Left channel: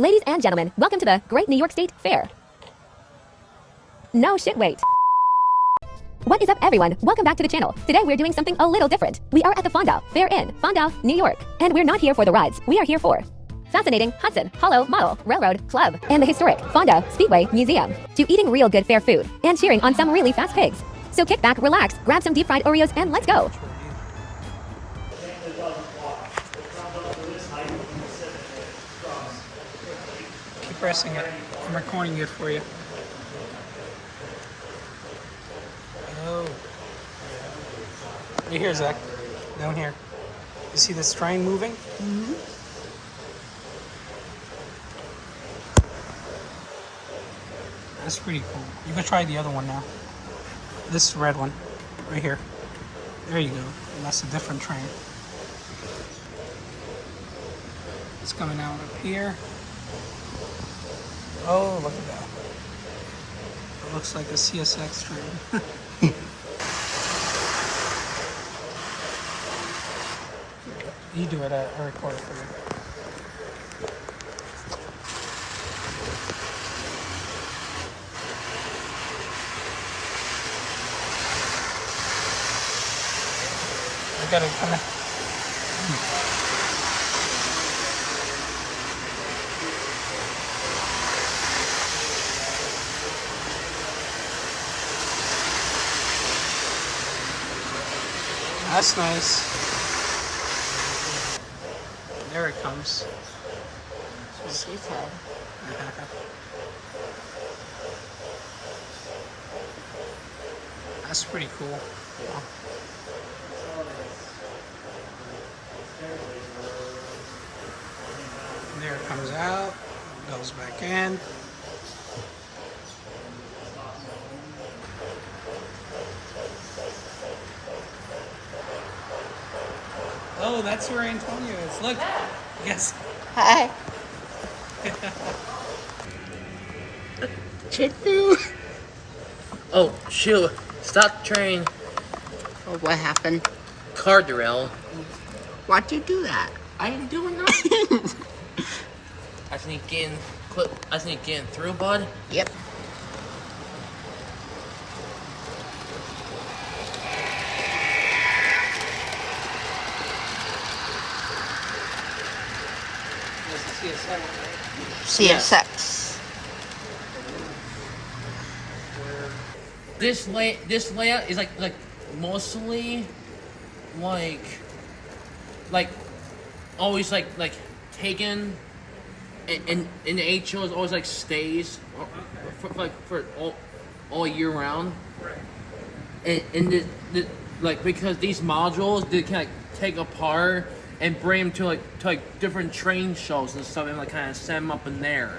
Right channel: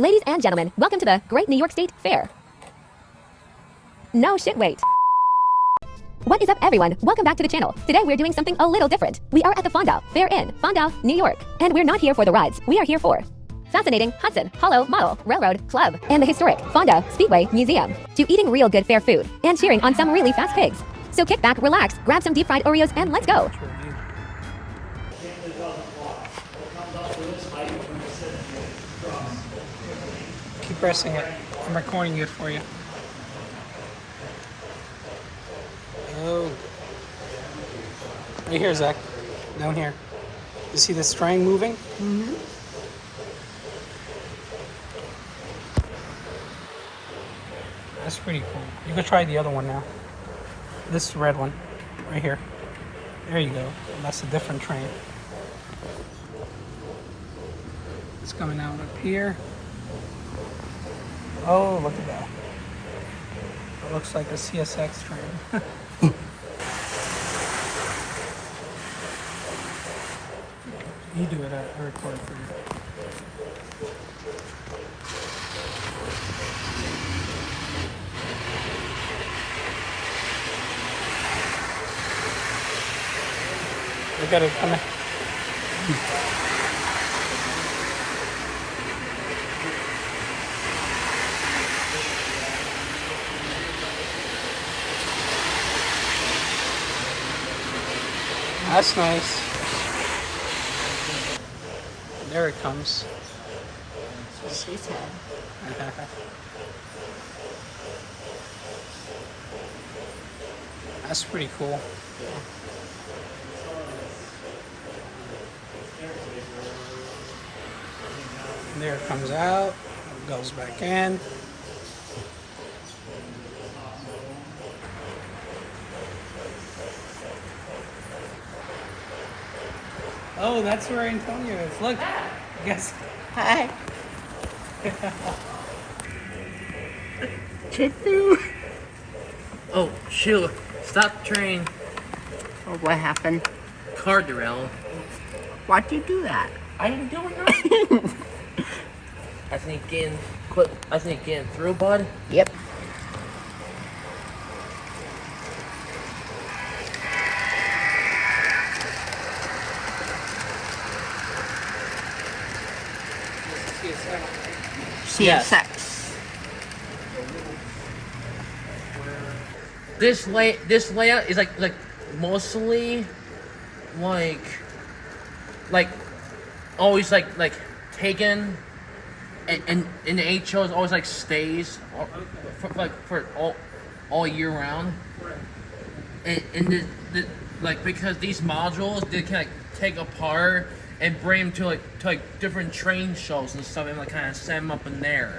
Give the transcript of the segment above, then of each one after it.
Ladies and gentlemen, welcome to the Great New York State Fair. No shit, wait. What is up, everyone? Welcome back to the channel. Today we're doing something a little different. We are at the Fonda Fair in Fonda, New York. And we're not here for the rides. We are here for fascinating Hudson Hollow Model Railroad Club and the historic Fonda Speedway Museum, to eating real good fair food and cheering on some really fast pigs. So kick back, relax, grab some deep fried Oreos, and let's go. Keep pressing it. I'm recording it for you. Oh. Right here, Zach. Down here. You see the string moving? Mm-hmm. That's pretty cool. You can try the other one now. This red one. Right here. There you go. And that's a different train. It's coming out up here. Oh, look at that. It looks like a CSX train. You do it, I record it for you. We gotta come in. That's nice. There it comes. That's what she said. That's pretty cool. Yeah. There it comes out, goes back in. Oh, that's where Antonio is. Look. Yes. Hi. Chitu. Oh, shoot. Stop the train. Oh, what happened? Car derailed. Why'd you do that? I ain't doing nothing. I sneak in through, bud. Yep. CSX. This layout is like mostly like always like taken and the 8 shows always like stays for all year round. And the like, because these modules they can like take apart and bring them to like different train shows and stuff and like kind of set them up in there.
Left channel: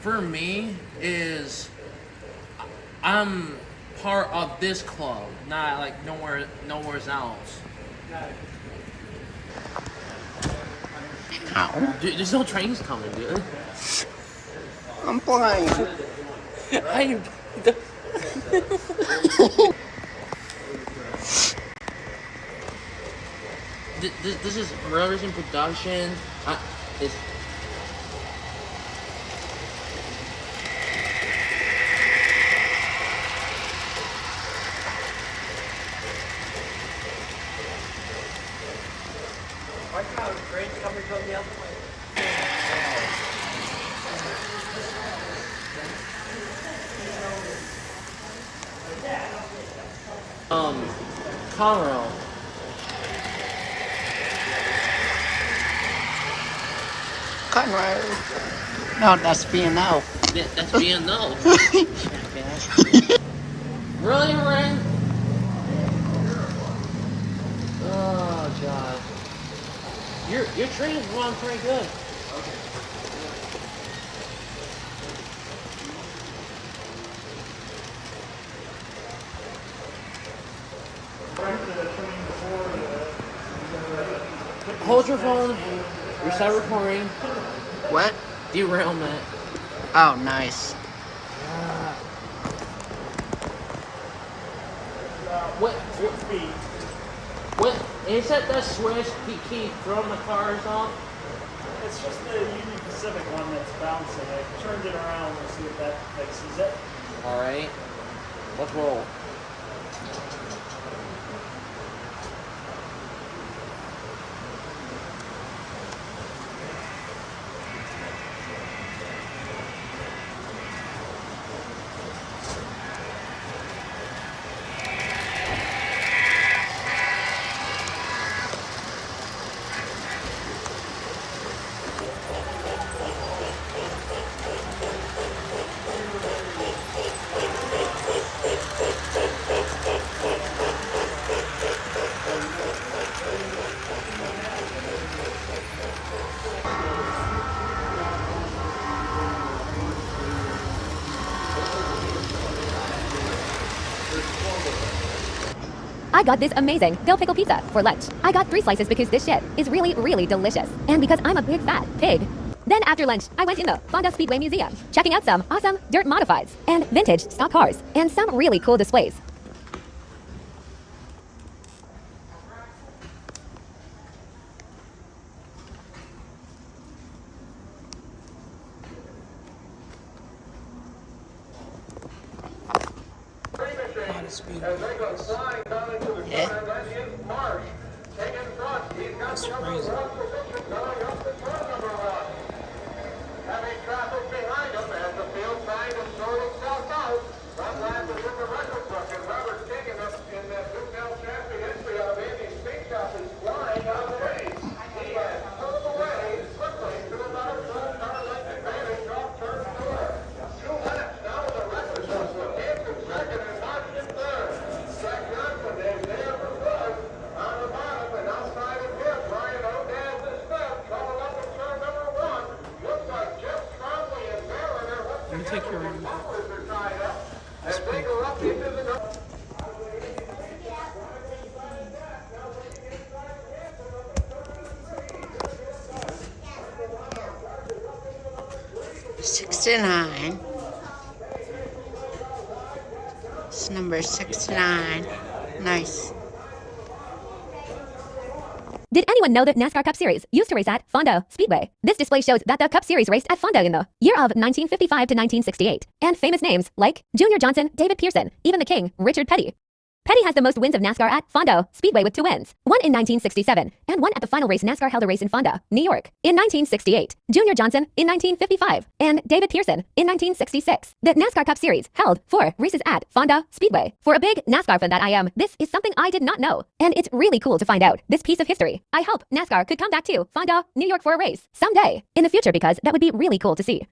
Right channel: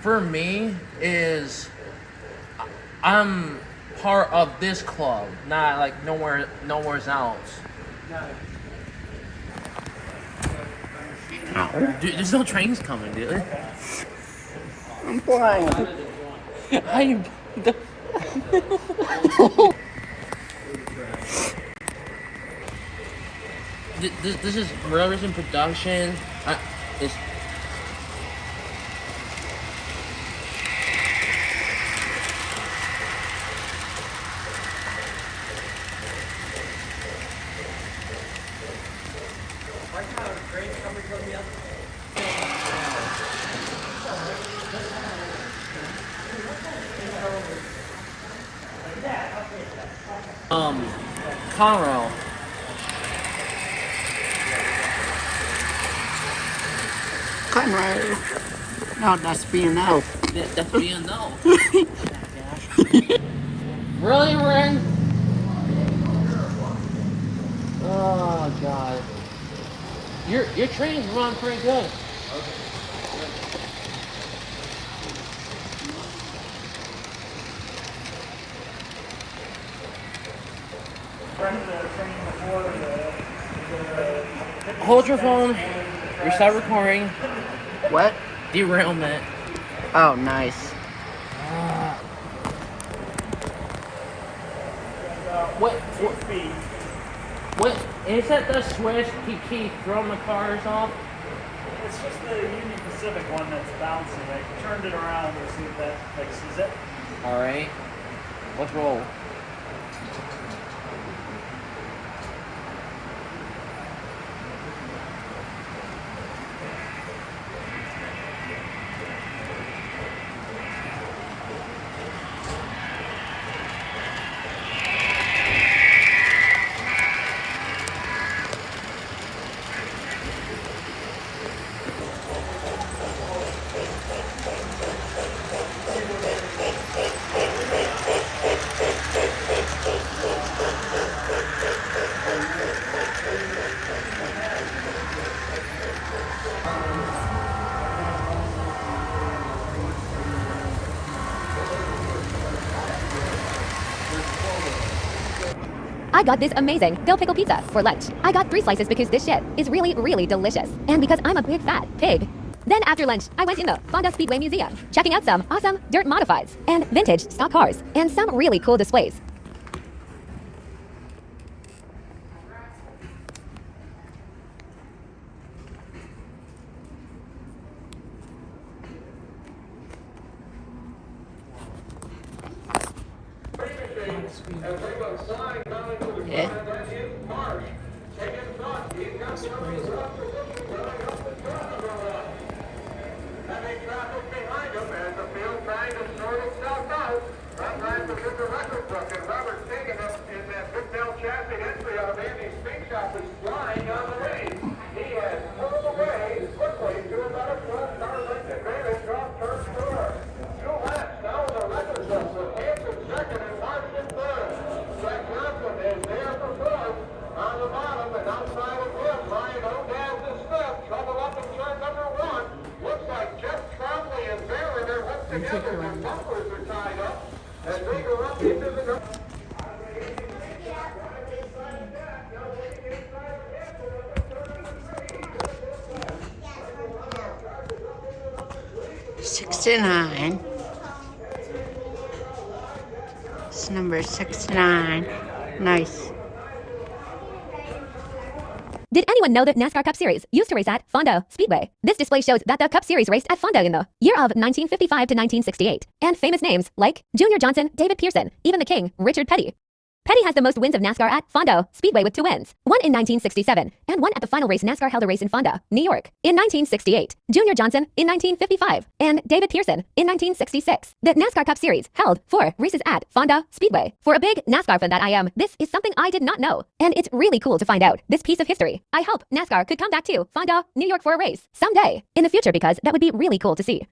For me is I'm part of this club, not like nowhere else. Ow. Dude, there's no trains coming, dude. I'm playing. This is Railroads in production. It's Conroe. Conroe. No, that's B&O. Yeah, that's B&O. Really, Ren? Oh god. Your train's running pretty good. Hold your phone. Restart recording. What? Derailment. Oh, nice. What is that? The switch keep throwing the cars off? It's just the Union Pacific one that's bouncing. I turned it around to see if that fixes it. All right. Let's roll. I got this amazing dill pickle pizza for lunch. I got 3 slices because this shit is really, really delicious. And because I'm a big fat pig. Then after lunch, I went in the Fonda Speedway Museum, checking out some awesome dirt modifieds and vintage stock cars and some really cool displays. Yeah. That's crazy. Let me take your arm. That's pretty cool. $69. It's number 69. Nice. Did anyone know that NASCAR Cup Series used to race at Fonda Speedway? This display shows that the Cup Series raced at Fonda in the year of 1955 to 1968. And famous names like Junior Johnson, David Pearson, even the King, Richard Petty. Petty has the most wins of NASCAR at Fonda Speedway with 2 wins, one in 1967 and one at the final race NASCAR held a race in Fonda, New York, in 1968, Junior Johnson in 1955, and David Pearson in 1966. The NASCAR Cup Series held 4 races at Fonda Speedway. For a big NASCAR fan that I am, this is something I did not know, and it's really cool to find out this piece of history. I hope NASCAR could come back to Fonda, New York for a race someday in the future because that would be really cool to see.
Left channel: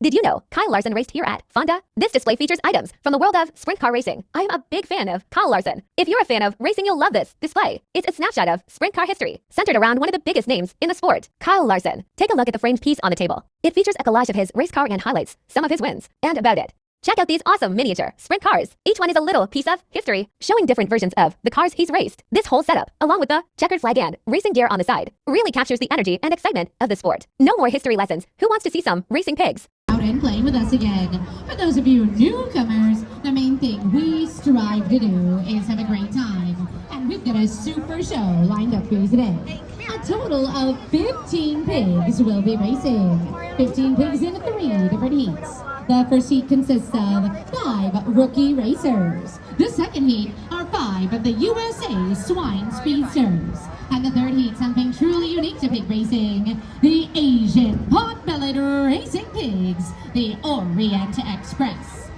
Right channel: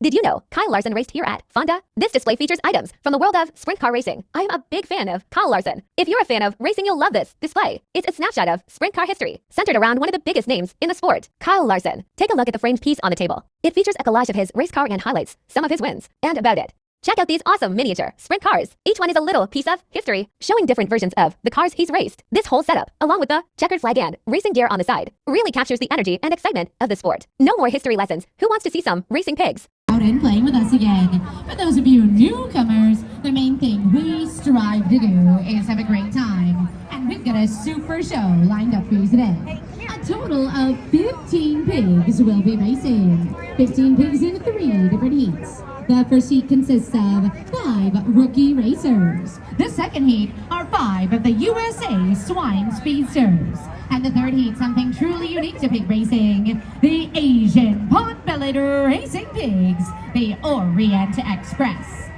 Did you know Kyle Larson raced here at Fonda? This display features items from the world of sprint car racing. I'm a big fan of Kyle Larson. If you're a fan of racing, you'll love this display. It's a snapshot of sprint car history, centered around one of the biggest names in the sport, Kyle Larson. Take a look at the framed piece on the table. It features a collage of his race car and highlights some of his wins and about it. Check out these awesome miniature sprint cars. Each one is a little piece of history, showing different versions of the cars he's raced. This whole setup, along with the checkered flag and racing gear on the side, really captures the energy and excitement of the sport. No more history lessons. Who wants to see some racing pigs? Out and playing with us again. For those of you newcomers, the main thing we strive to do is have a great time. And we've got a super show lined up for you today. A total of 15 pigs will be racing. 15 pigs in 3 different heats. The first heat consists of 5 rookie racers. The second heat are 5 of the USA Swine Speedsters. And the third heat, something truly unique to pig racing, the Asian Pot-Bellied Racing Pigs, the Orient Express.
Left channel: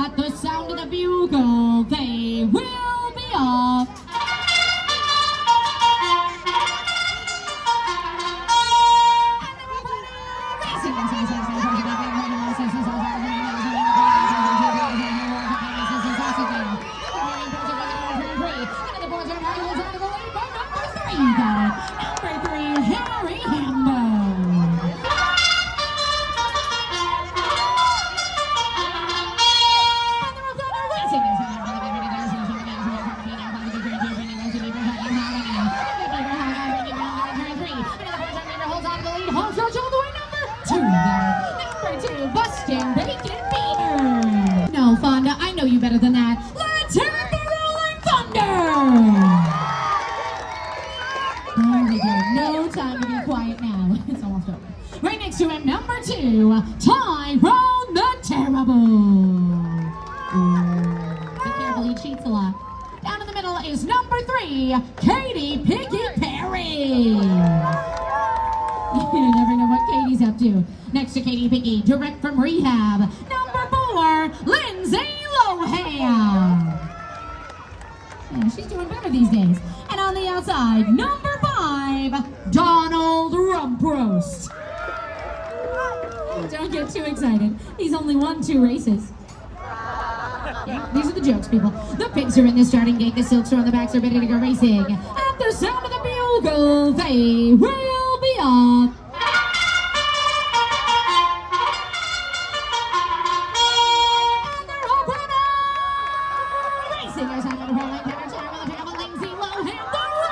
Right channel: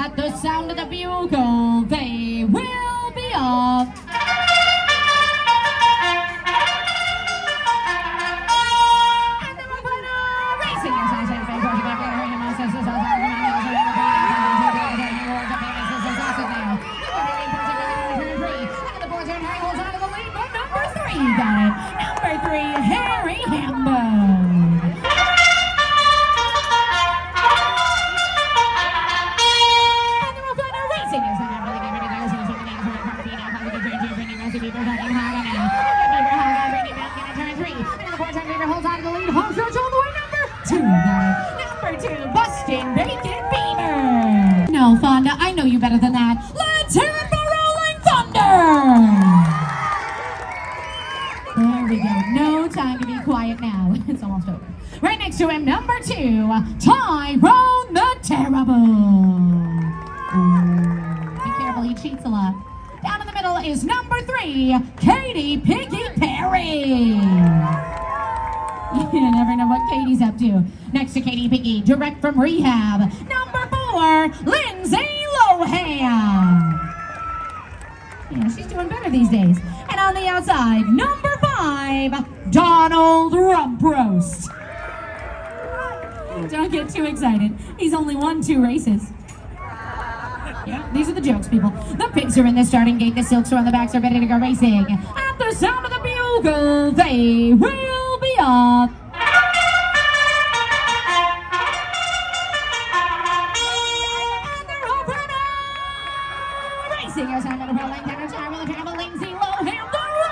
At the sound of the bugle, they will be off. And the winner, racing Number 3, Harry Hambo. Number 2, Bustin' Bacon Beaver. No, Fonda, I know you better than that. Let's hear it for Rolling Thunder. There we go. No time to be quiet now. It's almost over. Right next to him, number 2, Tyrone the Terrible. Ooh, be careful, he cheats a lot. Down in the middle is number 3, Katy Piggy Perry. You never know what Katie's up to. Next to Katy Piggy, direct from rehab, number 4, Lindsay Lohan. Yeah, she's doing better these days. And on the outside, number 5, Donald Rumproast. Don't get too excited. He's only won 2 races. Yeah, these are the jokes, people. The pigs are in the starting gate. The silks are on the backs are ready to go racing. At the sound of the bugle, they will be off. Singers and then rolling down a time with the family Lindsay Lohan. The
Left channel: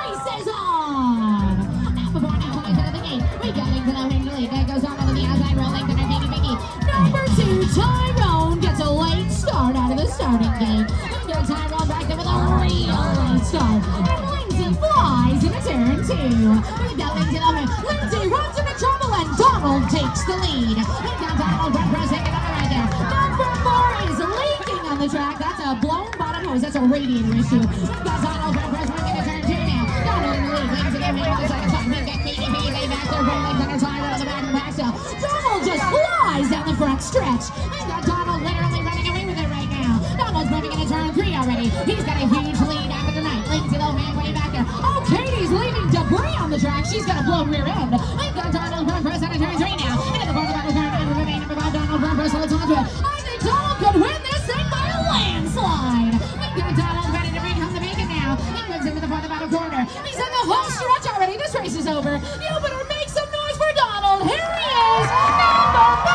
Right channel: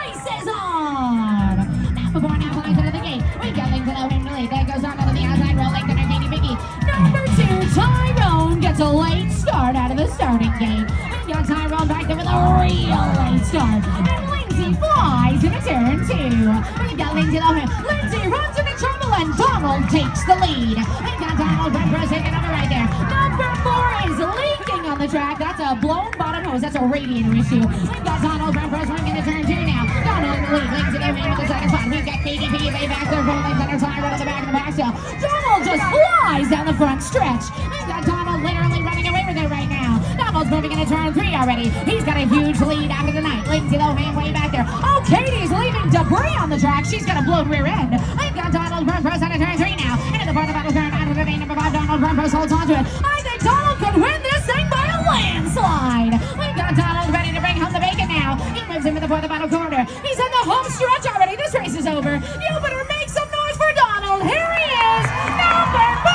race is on! Now before now flies out of the gate. We got Lindsay Lohan in the lead. That goes on to the outside, rolling down a Katy Piggy. Number 2, Tyrone gets a late start out of the starting gate. We got Tyrone back there with a real late start. And Lindsay flies into turn 2. We got Lindsay Lohan. Lindsay runs into trouble and Donald takes the lead. We got Donald back for a second on the right there. Number 4 is leaking on the track. That's a blown bottom hose. That's a radiator issue. We've got Donald Rumproast running into turn 2 now. Donald in the lead. Lindsay Lohan on the second spot. We've got Katy Piggy way back there rolling down her time right on the back of the backstop. Donald just flies down the front stretch. We've got Donald literally running away with it right now. Donald's moving into turn 3 already. He's got a huge lead out of the night. Lindsay Lohan way back there. Oh, Katie's leaving debris on the track. She's got a blown rear end. We've got Donald Rumproast out of turn 3 now. Into the part of the battle turn out of the main. Number 5, Donald Rumproast holds onto it. I think Donald could win this thing by a landslide. We've got Donald ready to bring home the bacon now. He moves into the part of the battle corner. He's on the home stretch already. This race is over. The opener makes some noise for Donald. Here he is. Number 5.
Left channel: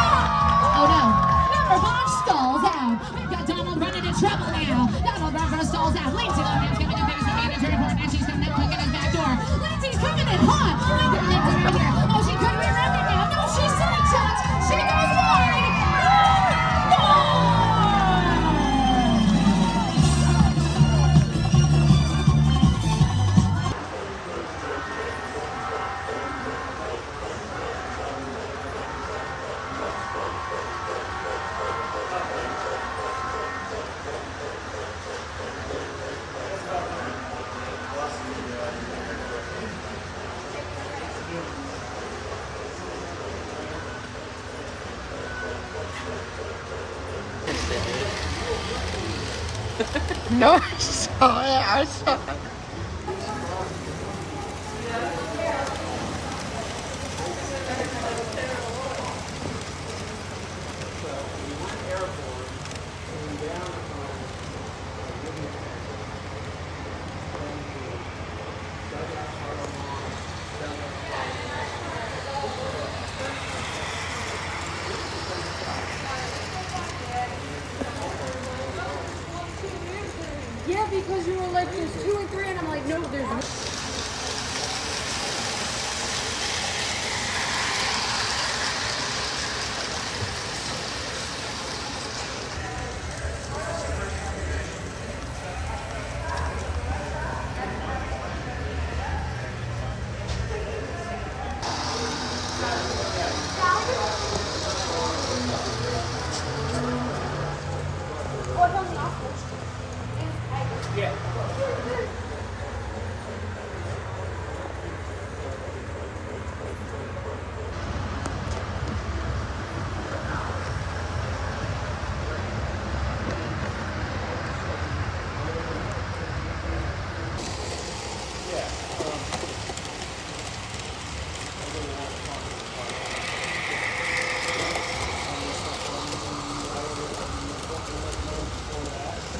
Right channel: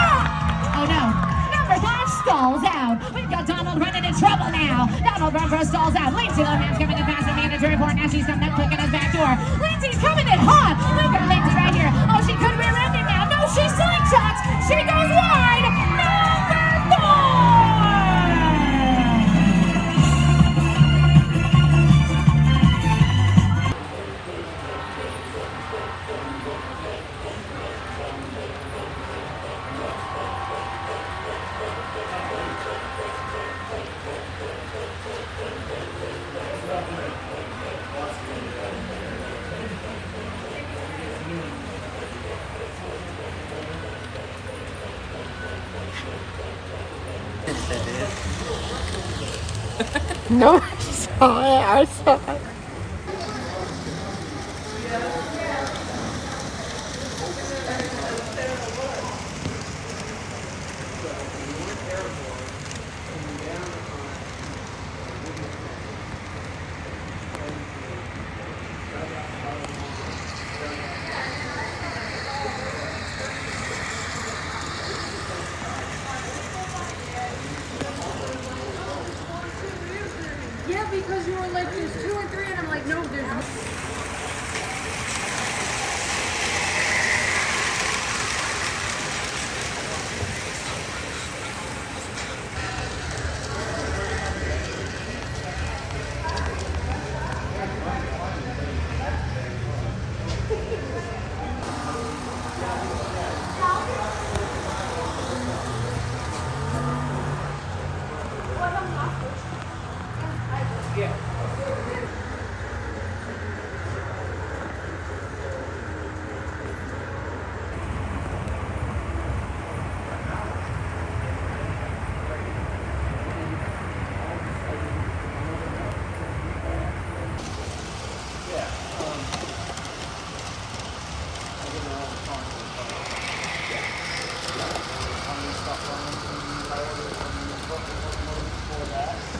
Oh no. Number 5 stalls out. We've got Donald running into trouble now. Donald Rumproast stalls out. Lindsay Lohan's coming in fast at the end of turn 4. Now she's coming up quick in his back door. Lindsay's coming in hot. We've got Lindsay right here. Oh, she could rear end him now. No, she slingshots. She goes wide. Number 4. No, I saw it. I saw it. Yeah, because you were like, there's 2 and 3, and I'm like, no, there's no.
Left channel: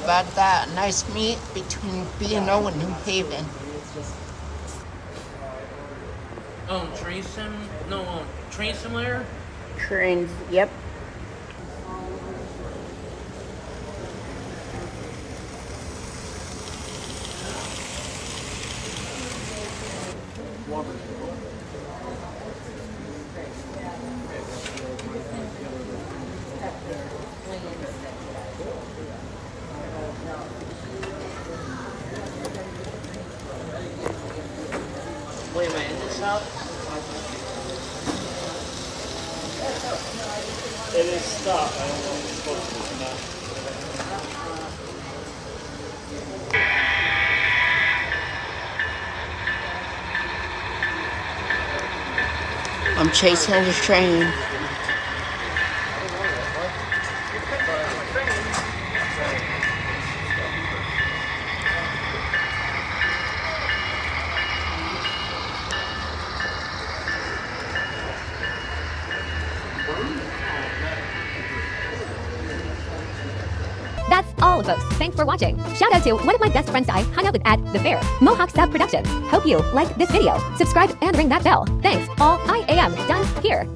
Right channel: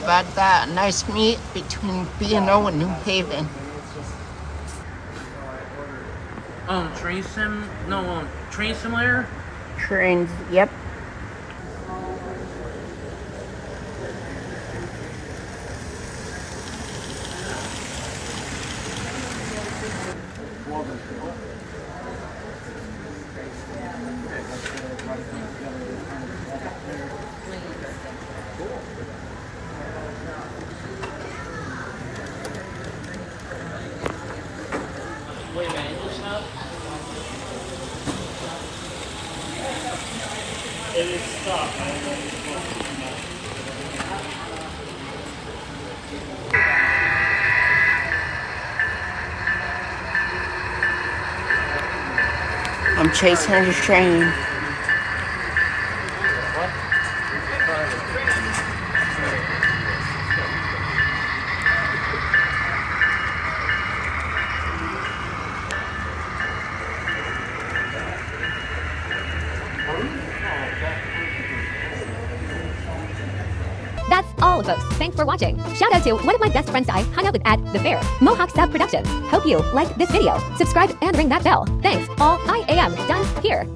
About that nice meet between B&O and New Haven. Train simulator? Trains, yep. Wait, is this up? It is stuff. I'm chasing the train. That's all, folks. Thanks for watching. Shout out to one of my best friends I hung out with at the fair, Mohawk Sub Productions. Hope you like this video. Subscribe and ring that bell. Thanks. All I am done here.